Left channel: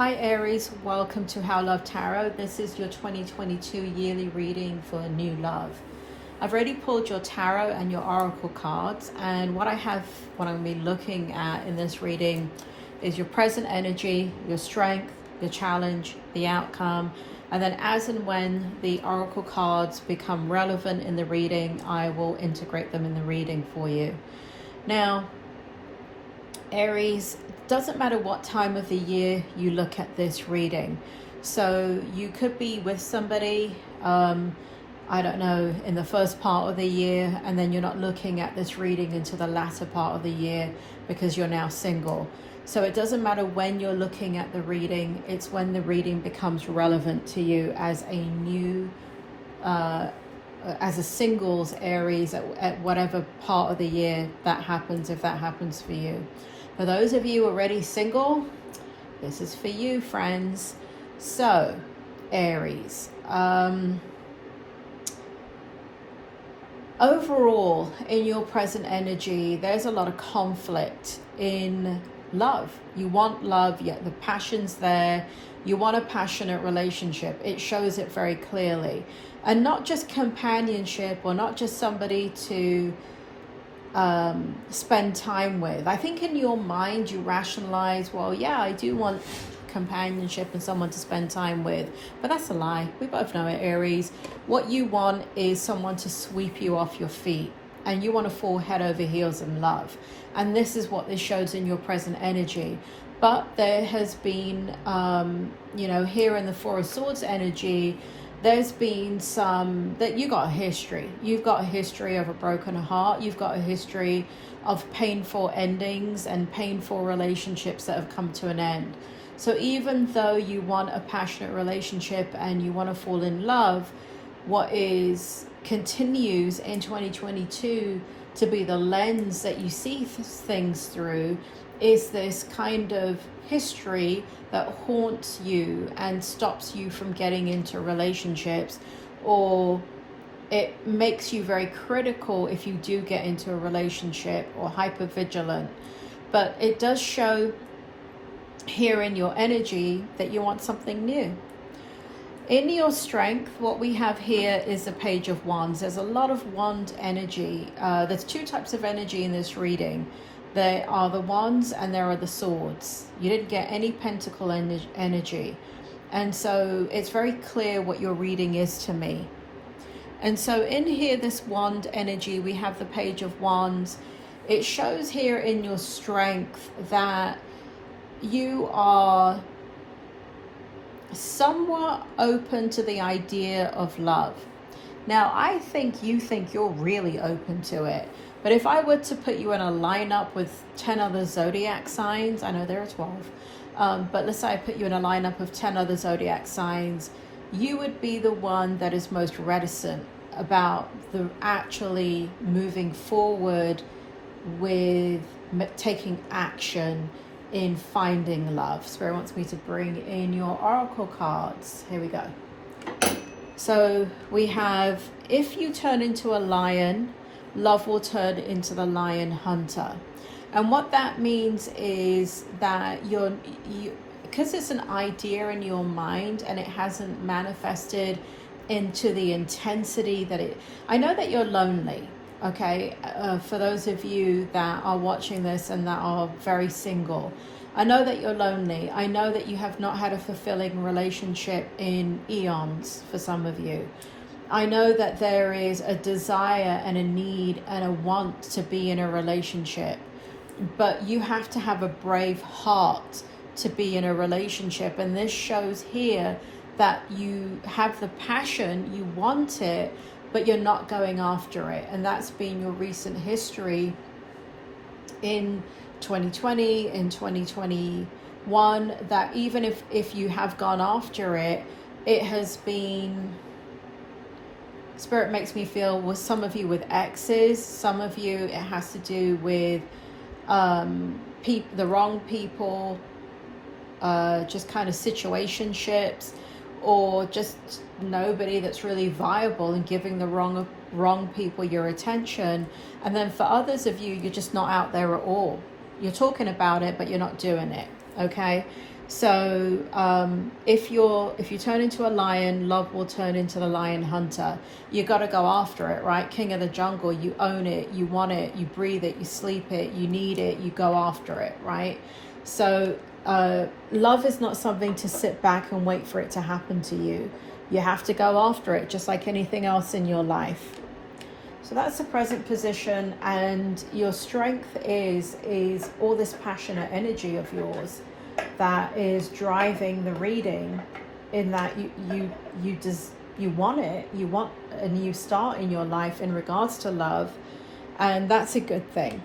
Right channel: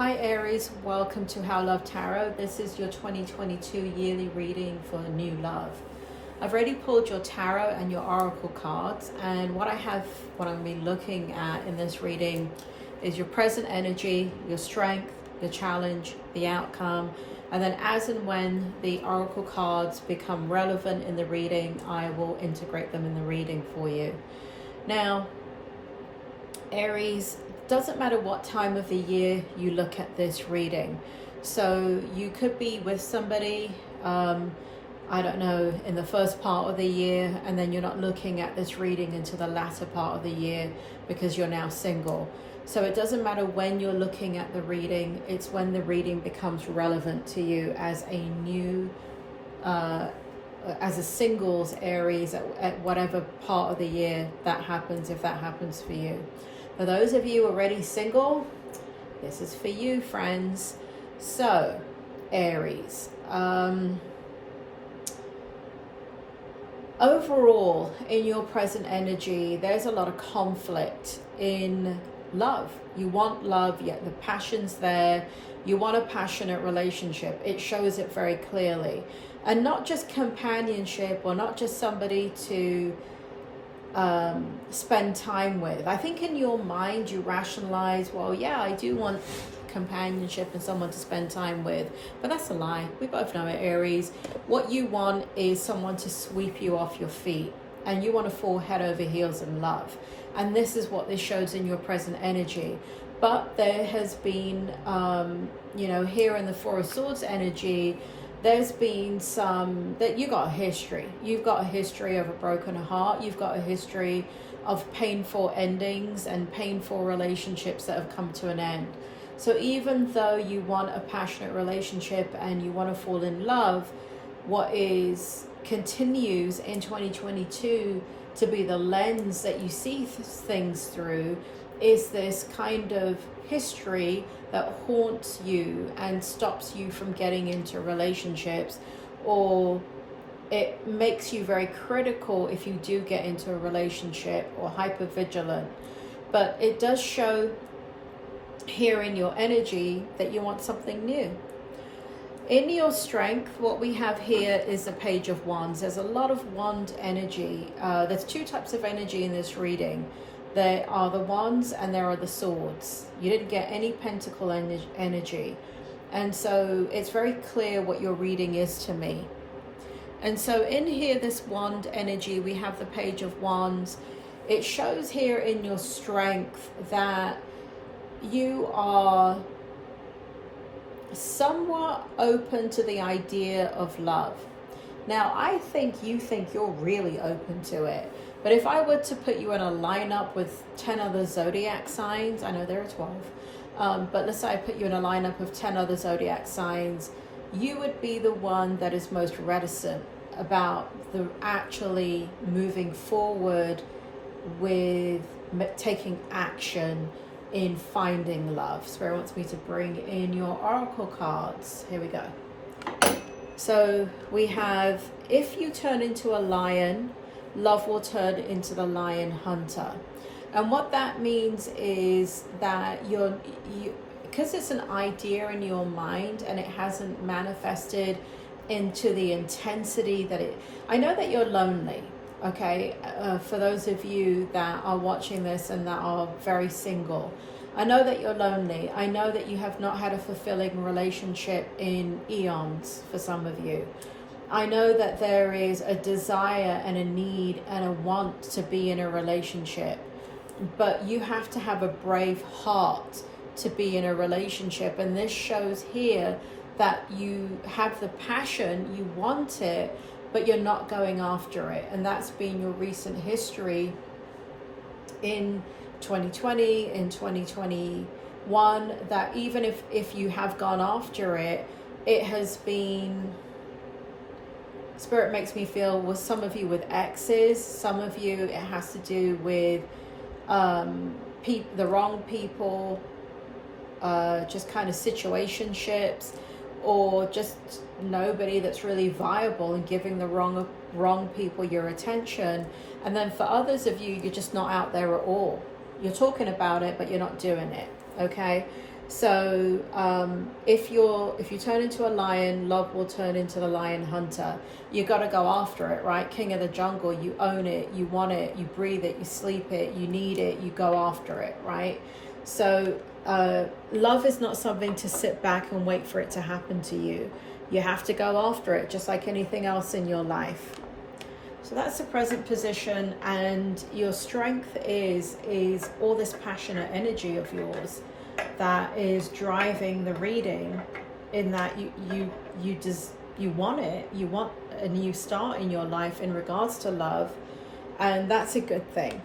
Hi Aries, welcome to How Love Tarot. This is your 2022 yearly reading for New Love. I've already pulled your tarot and your oracle cards, and what I'm going to be looking at in this reading is your present energy, your strength, your challenge, the outcome, and then as and when the oracle cards become relevant in the reading, I will integrate them in the reading for you. Now, Aries, doesn't matter what time of the year you look at this reading. So you could be with somebody, I don't know, in the first part of the year, and then you're not looking at this reading into the latter part of the year because you're now single. So it doesn't matter when you're looking at the reading, it's when the reading becomes relevant to you as a new, as a singles Aries at whatever part of the year that happens, if that happens for you. For those of you already single, this is for you, friends. So, Aries, overall, in your present energy, there's a lot of conflict in love. You want love, yet the passion's there. You want a passionate relationship. It shows it very clearly. And not just companionship, or not just somebody to spend time with. I think in your mind you rationalize, well, yeah, I do want companionship and someone to spend time with, but that's a lie. We both know it, Aries. What you want is someone to sweep you off your feet, and you want to fall head over heels in love. And this is what this shows in your present energy. But there has been, here in the Four of Swords energy, there's been some that you got a history. You've got a history of a broken heart. You've got a history of painful endings and painful relationships that have come to an end. So even though you want a passionate relationship and you want to fall in love, what continues in 2022 to be the lens that you see things through is this kind of history that haunts you and stops you from getting into relationships, or it makes you very critical if you do get into a relationship, or hyper vigilant. But it does show here in your energy that you want something new. In your strength, what we have here is a Page of Wands. There's a lot of wand energy. There's two types of energy in this reading. There are the wands and there are the swords. You didn't get any pentacle energy. And so it's very clear what your reading is to me. And so in here, this wand energy, we have the Page of Wands. It shows here in your strength that you are somewhat open to the idea of love. Now, I think you think you're really open to it. But if I were to put you in a lineup with 10 other zodiac signs, I know there are 12, but let's say I put you in a lineup of 10 other zodiac signs, you would be the one that is most reticent about the actually moving forward with taking action in finding love. Spirit wants me to bring in your oracle cards. Here we go. So we have, if you turn into a lion, love will turn into the lion hunter. And what that means is that because it's an idea in your mind and it hasn't manifested into the intensity that I know that you're lonely, okay? For those of you that are watching this and that are very single, I know that you're lonely. I know that you have not had a fulfilling relationship in eons for some of you. I know that there is a desire and a need and a want to be in a relationship, but you have to have a brave heart to be in a relationship. And this shows here that you have the passion, you want it, but you're not going after it. And that's been your recent history in 2020, in 2021, that even if you have gone after it, it has been... Spirit makes me feel with some of you with exes, some of you it has to do with the wrong people, just kind of situationships, or just nobody that's really viable and giving the wrong people your attention. And then for others of you, you're just not out there at all. You're talking about it, but you're not doing it, okay? So if you turn into a lion, love will turn into the lion hunter. You got to go after it, right? King of the jungle, you own it, you want it, you breathe it, you sleep it, you need it, you go after it, right? So love is not something to sit back and wait for it to happen to you. You have to go after it, just like anything else in your life. So that's the present position, and your strength is all this passionate energy of yours that is driving the reading, in that you want it, you want a new start in your life in regards to love, and that's a good thing.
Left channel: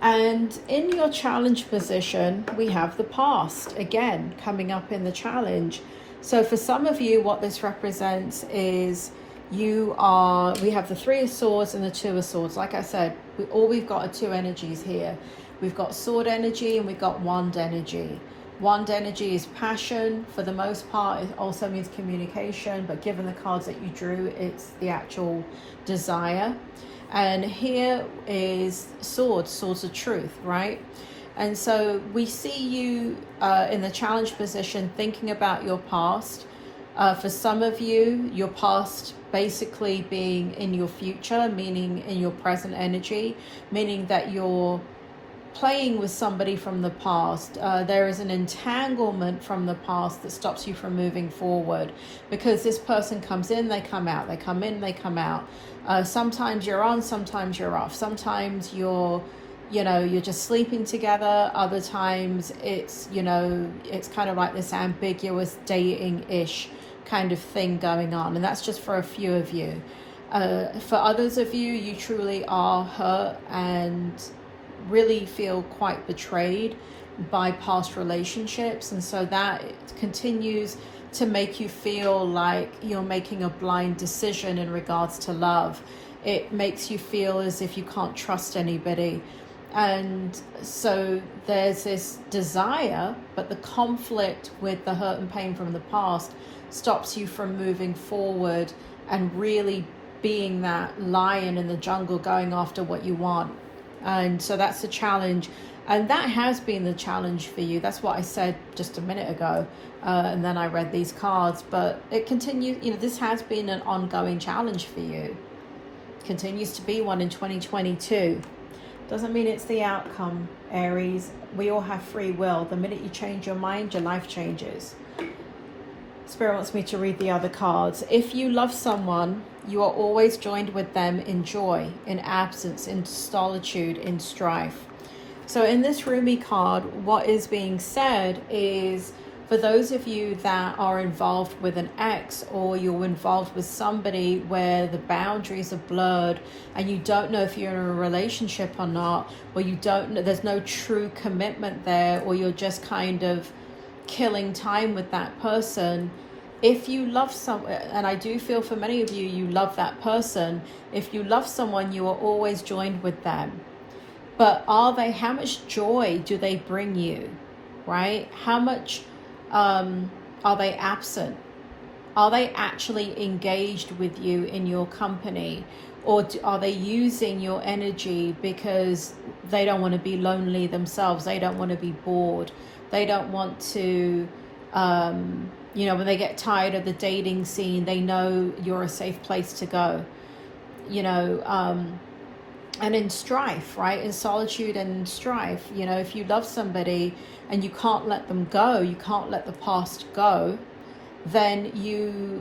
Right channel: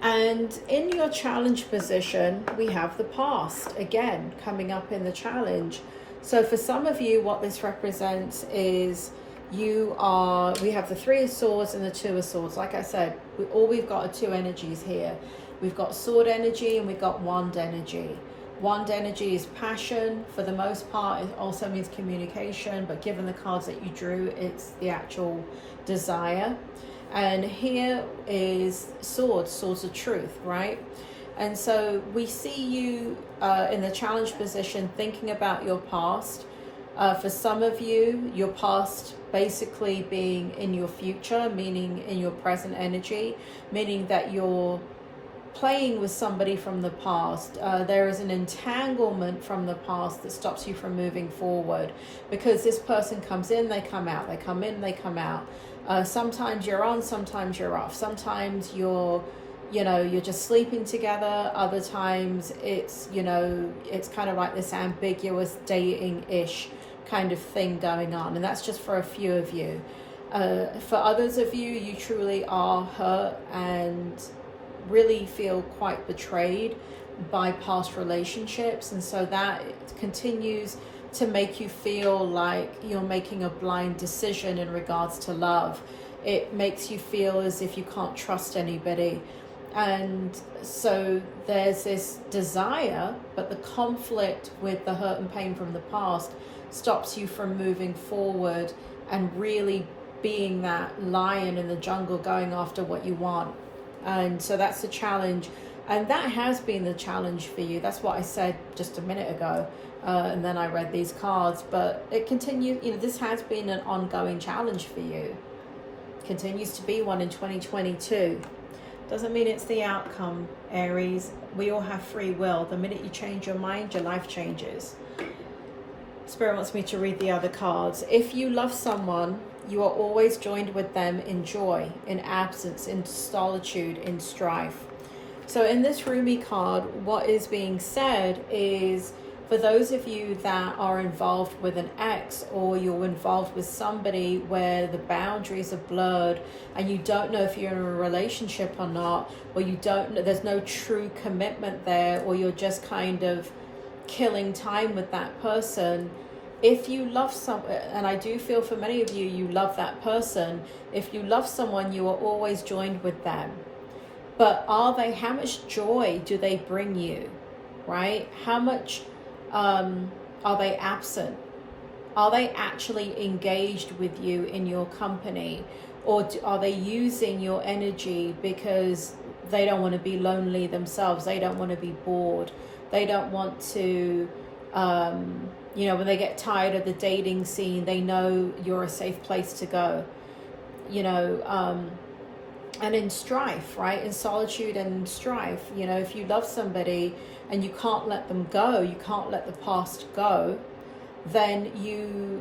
And in your challenge position, we have the past again coming up in the challenge. So for some of you, what this represents is we have the Three of Swords and the Two of Swords. Like I said, all we've got are two energies here. We've got sword energy and we've got wand energy. Wand energy is passion for the most part. It also means communication, but given the cards that you drew, it's the actual desire. And here is swords of truth, right? And so we see you in the challenge position thinking about your past. For some of you, your past basically being in your future, meaning in your present energy, meaning that you're playing with somebody from the past. There is an entanglement from the past that stops you from moving forward, because this person comes in, they come out, they come in, they come out. Sometimes you're on, sometimes you're off. Sometimes you're just sleeping together. Other times it's kind of like this ambiguous dating-ish kind of thing going on. And that's just for a few of you. For others of you, you truly are hurt and really feel quite betrayed by past relationships, and so that continues to make you feel like you're making a blind decision in regards to love. It makes you feel as if you can't trust anybody, and so there's this desire, but the conflict with the hurt and pain from the past stops you from moving forward and really being that lion in the jungle going after what you want. And so that's the challenge, and that has been the challenge for you. That's what I said just a minute ago, and then I read these cards. But it continues, this has been an ongoing challenge for you. Continues to be one in 2022. Doesn't mean it's the outcome, Aries. We all have free will. The minute you change your mind, your life changes. Spirit wants me to read the other cards. If you love someone, you are always joined with them in joy, in absence, in solitude, in strife. So in this Rumi card, what is being said is, for those of you that are involved with an ex, or you're involved with somebody where the boundaries are blurred and you don't know if you're in a relationship or not, or you don't know, there's no true commitment there, or you're just kind of killing time with that person. If you love someone, and I do feel for many of you, you love that person. If you love someone, you are always joined with them. But how much joy do they bring you, right? How much are they absent? Are they actually engaged with you in your company? Or are they using your energy because they don't want to be lonely themselves? They don't want to be bored. They don't want to, when they get tired of the dating scene, they know you're a safe place to go, and in strife, right? In solitude and strife, if you love somebody and you can't let them go, you can't let the past go, then you're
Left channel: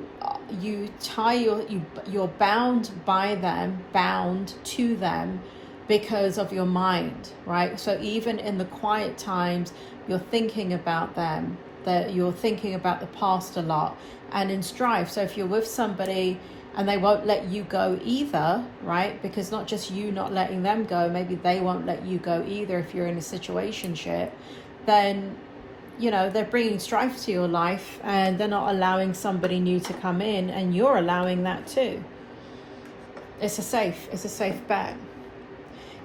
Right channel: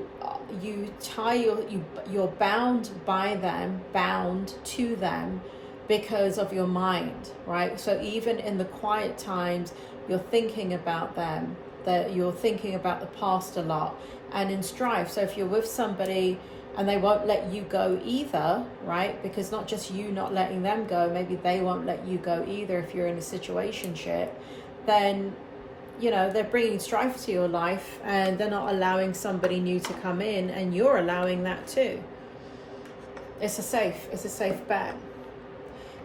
bound by them, bound to them because of your mind, right? So even in the quiet times, you're thinking about them, that you're thinking about the past a lot, and in strife. So if you're with somebody and they won't let you go either, right? Because not just you not letting them go, maybe they won't let you go either if you're in a situationship, then, they're bringing strife to your life and they're not allowing somebody new to come in, and you're allowing that too. It's a safe bet.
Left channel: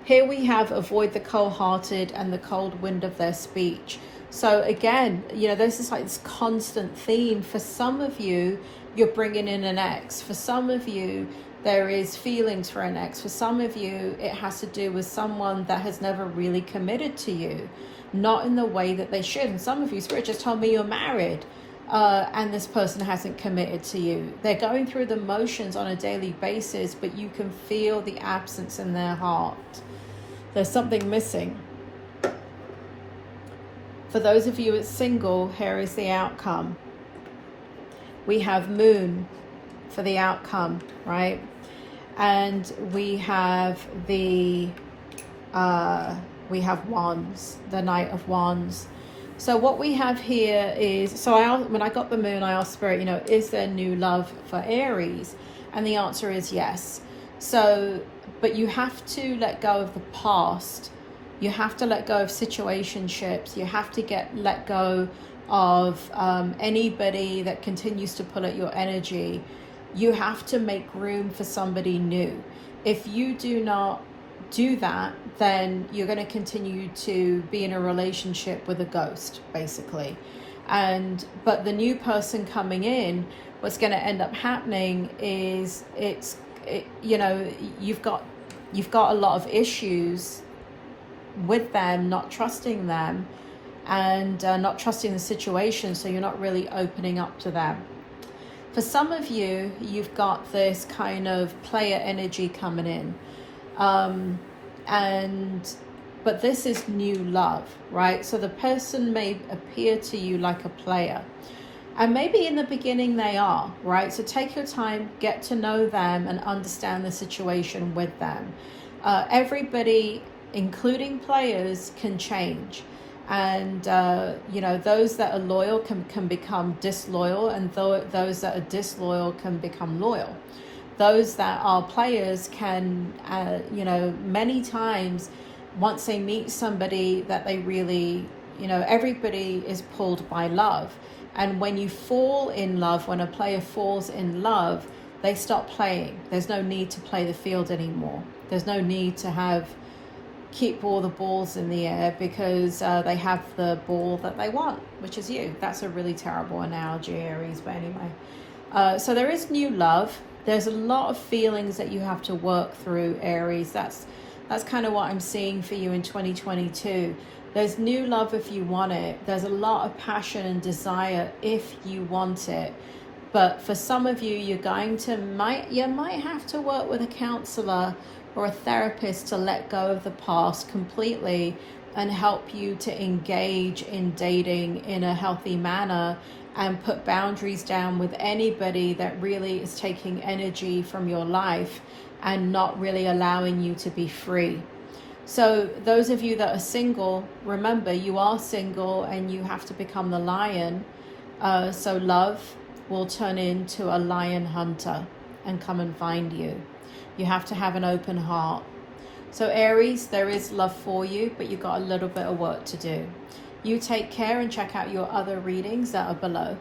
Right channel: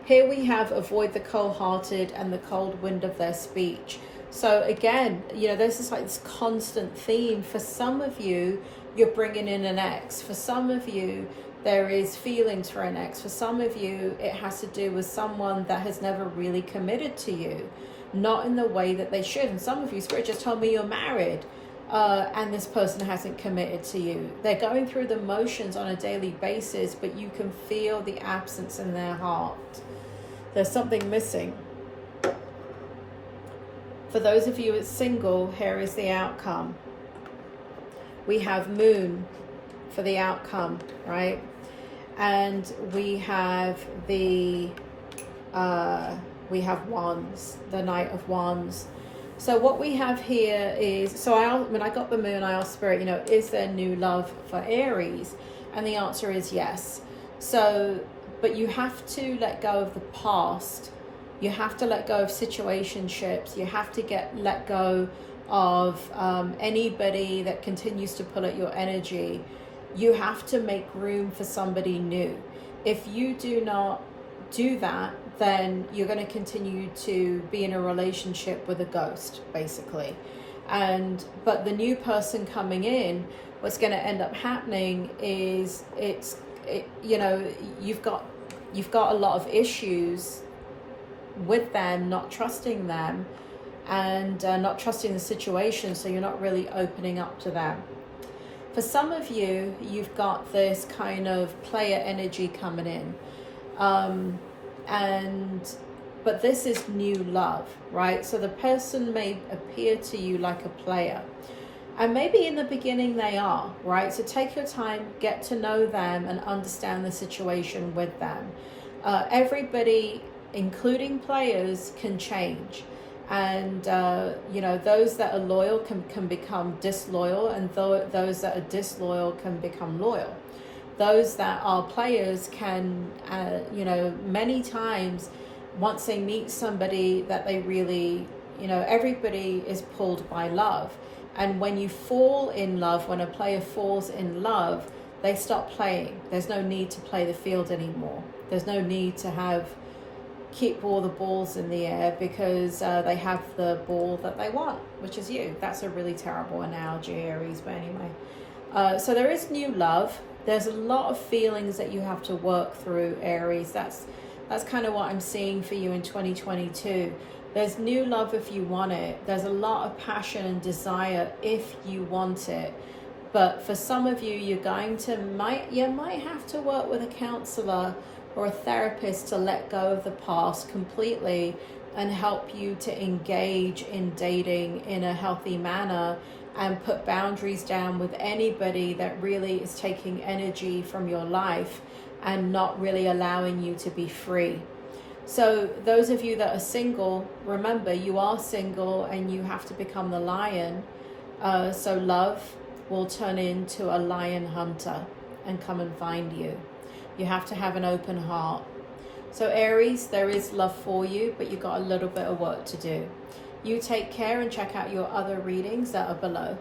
Here we have avoid the cold-hearted and the cold wind of their speech. So again, this is like this constant theme. For some of you, you're bringing in an ex. For some of you, there is feelings for an ex. For some of you, it has to do with someone that has never really committed to you. not in the way that they should. And some of you, Spirit just told me you're married, and this person hasn't committed to you. They're going through the motions on a daily basis, but you can feel the absence in their heart. There's something missing. For those of you that's single, here is the outcome. We have Moon for the outcome, right? And we have the we have Wands, the Knight of Wands. So what we have here is, when I got the Moon, I asked Spirit, is there new love for Aries? And the answer is yes. So, but you have to let go of the past. You have to let go of situationships. You have to let go of anybody that continues to pull at your energy. You have to make room for somebody new. If you do not do that, then you're going to continue to be in a relationship with a ghost, basically. But the new person coming in, what's going to end up happening is you've got a lot of issues with them, not trusting them, and not trusting the situation, so you're not really opening up to them. For some of you, you've got this kind of player energy coming in, but this is new love, right? So the person may appear to you like a player, and maybe in the beginning they are, right? So take your time, get to know them, and understand the situation with them. Everybody, including players, can change. And those that are loyal can become disloyal, and those that are disloyal can become loyal. Those that are players can many times, once they meet somebody that they really, everybody is pulled by love. And when you fall in love, when a player falls in love, they stop playing. There's no need to play the field anymore. There's no need to keep all the balls in the air, because they have the ball that they want, which is you. That's a really terrible analogy, Aries, but anyway. So there is new love. There's a lot of feelings that you have to work through, Aries. That's kind of what I'm seeing for you in 2022. There's new love if you want it. There's a lot of passion and desire if you want it. But for some of you, you might have to work with a counselor or a therapist to let go of the past completely and help you to engage in dating in a healthy manner, and put boundaries down with anybody that really is taking energy from your life and not really allowing you to be free. So those of you that are single, remember, you are single and you have to become the lion. So love will turn into a lion hunter and come and find you. You have to have an open heart. So Aries, there is love for you, but you've got a little bit of work to do. You take care and check out your other readings that are below.